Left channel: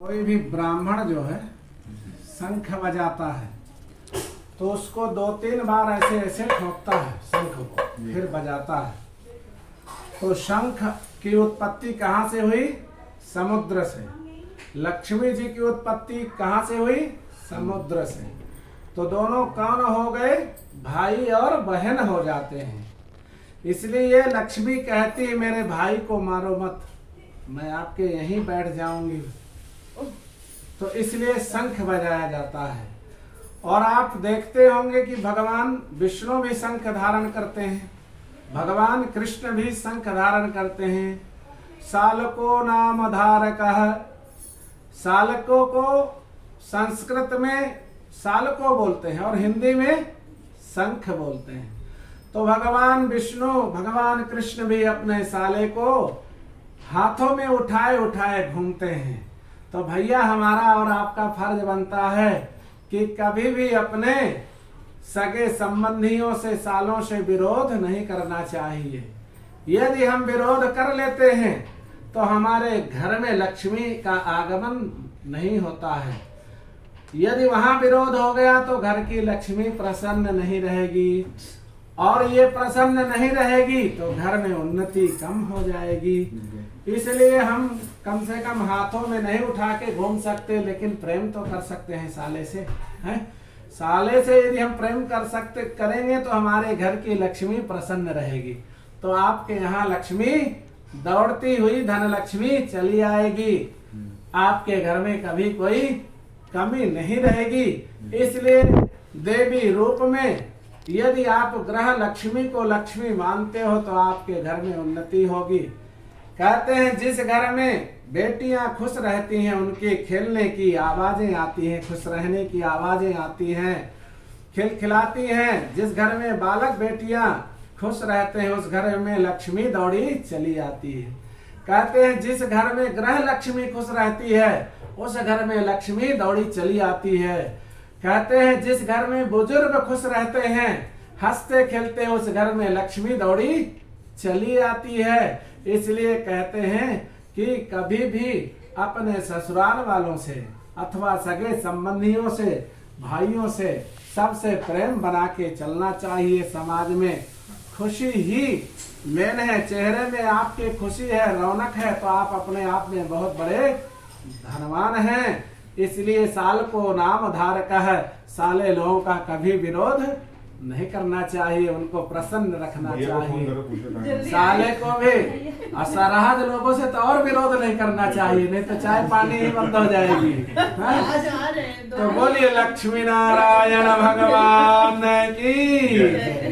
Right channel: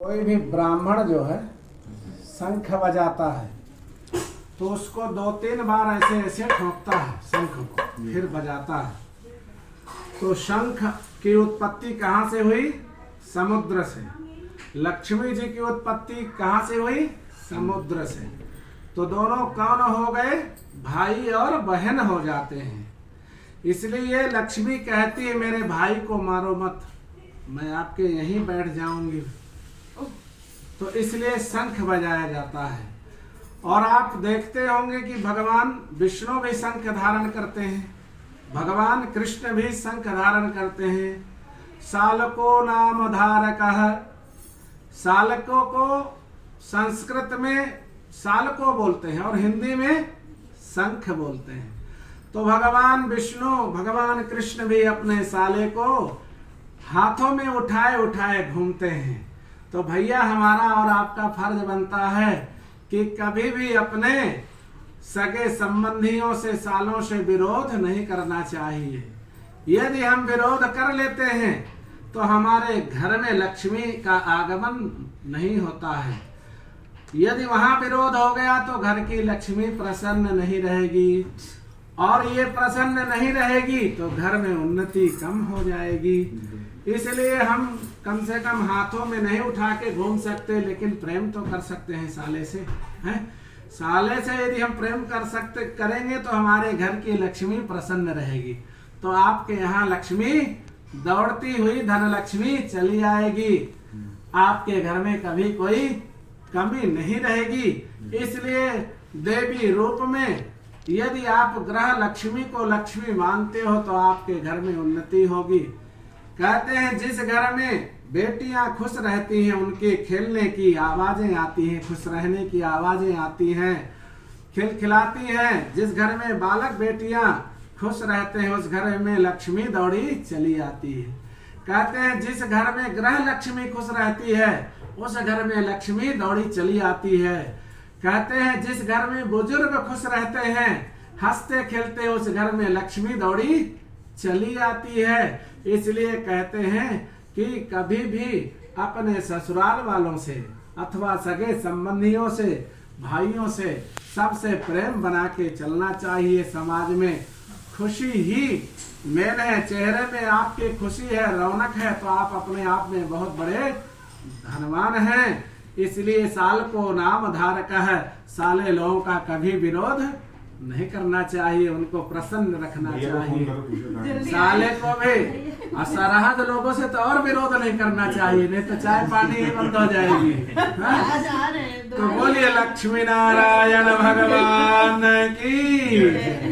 कोई भी ब्राह्मण जो है शंख बजाता है तो उसको 2-3 बार ऐसे ऐसे ठोकता है शंख को, फिर बजाता है। तो शंख की उत्पत्ति कहाँ से हुई? समुद्र से। लक्ष्मी जी की उत्पत्ति कहाँ से हुई? समुद्र से। तो दोनों कौन हो गए? भाई और बहन हो जाते हैं। इसलिए लक्ष्मी कहती है मेरे भाई को मारो मत, मैं आपके यहीं बैठ जाऊंगी। तो इसलिए शंख बजाया जाता है। और आप देखते होंगे कि भगवान विष्णु भी शंख धारण करते हैं, भगवान कृष्ण भी शंख धारण करते हैं। सालको नाम धारकः, सालकों को संस्कृत में सालको बोलते हैं और हिंदी में शंख बोलते हैं। तो भगवान विष्णु भगवान कृष्ण भी अपने साले को हाथों में उठाए उठाए घूमते हैं। तो भैया हमारा और आपका फर्ज बनता है कि कभी भी अपने सगे संबंधियों से सालों से विरोध नहीं करना चाहिए। यदि हम विरोध कर लेते हैं तो हमारे घर में लक्ष्मी का आगमन नहीं होता है। यदि वहां विरोध हो गया तो घर की लक्ष्मी प्रसन्न नहीं रहेगी, और ये प्रसन्न नहीं रहेगी तो घर में उन्नति कम हो जाएगी। इसलिए हम कम से कम हाथों में नहीं उठा के घूम सकते, लेकिन प्रेम तो कर सकते हैं साले से, हैं? साले से यदि हम प्रेम करेंगे तो हमारे घर की लक्ष्मी प्रसन्न रहेगी। तो आपके यहाँ लक्ष्मी दौड़ती हुई धन लक्ष्मी चली आएगी, आपके घर में कभी कोई कमी नहीं रहेगी। इसलिए देवी रूप में यदि आप ग्रह लक्ष्मी को लक्ष्मी मानते हो तो आपके घर में उन्नति होगी। कहते हैं जिस घर में बेटियां खुश रहती हैं उनके खेलने की आवाजें आती हैं, खुश रहने की आवाजें आती हैं, खिलखिलाती हैं। जिस घर में बालक बेटियां खुश रहते हैं उस घर में लक्ष्मी दौड़ी चली आती है। कहते हैं जिस घर में ग्रह लक्ष्मी खुश रहती है उस घर में लक्ष्मी दौड़ी चली आती है। कहते हैं जिस घर में बुजुर्ग खुश रहते हैं हंसते खेलते हैं उस घर में लक्ष्मी दौड़ी चली आती है। इसलिए कहते हैं कि कभी भी अपने ससुराल वालों से अथवा सगे संबंधियों से भाइयों से सबसे प्रेम बना के चलना चाहिए। समाज में खुशी ही मेन है, चेहरे में आपके खुशी है, रौनक है तो आप अपने आप में बहुत बड़े धनवान हैं। इसलिए साल को नाम धारक है, साले लोगों का कभी विरोध नहीं करना चाहिए, उनको प्रसन्न रखना चाहिए। साले को भी असरहद लोगों से तो और विरोध नहीं करना चाहिए, नहीं तो चाय पानी ही बंद हो जाएगी। तो बोलिए लक्ष्मी नारायण भगवान की।